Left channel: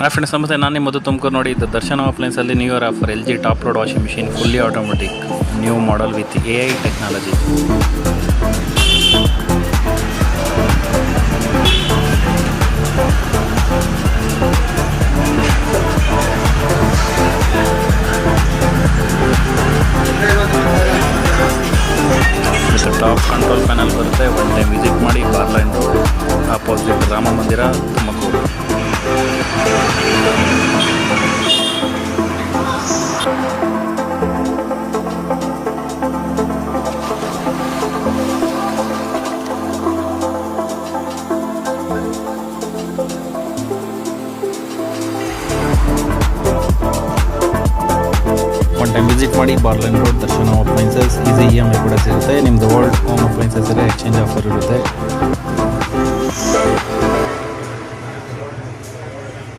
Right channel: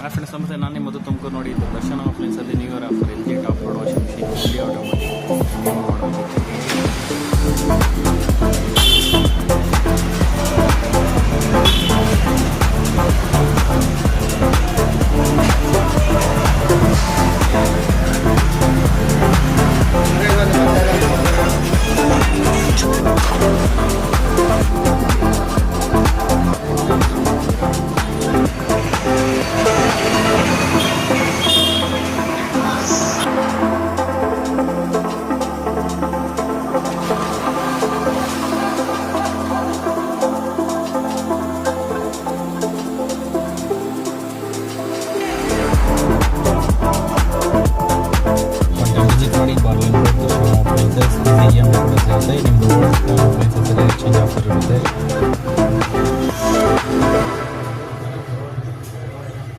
Hi friends, ನಮಸ್ತೆ. ನಾನು ನಿಮ್ಮ ಮಧು ತುಮಕೂರು. ನೋಡಿ, ಇದು ದರ್ಶನ ಅಪ್ಲೈನ್ಸಲ್ಲಿ new year offer LG top load washing machine fully automatic new model with AI technology. Top control panel ಬರುತ್ತೆ. ಒಳ್ಳೆ ವಿಸಿಟ್ ಮಾಡಿ. ಬಾರ್ಲ್ಯಾಂಡ್ opposite Rama Mandira, Tumakuru. One time visit ಮಾಡಿ. ಬಾರ್ಲೈನ್ road, Darshana appliances. Easy EMI ಕೂಡ ಸಿಗುತ್ತೆ. ನಿಮ್ಮದು ಓಲ್ಡ್ ಹೋಮ್ ಅಪ್ಲೈನ್ಸಸ್ ಎಲ್ಲ ಎಕ್ಸ್ಚೇಂಜ್ ಆಫರ್ ಇರುತ್ತೆ.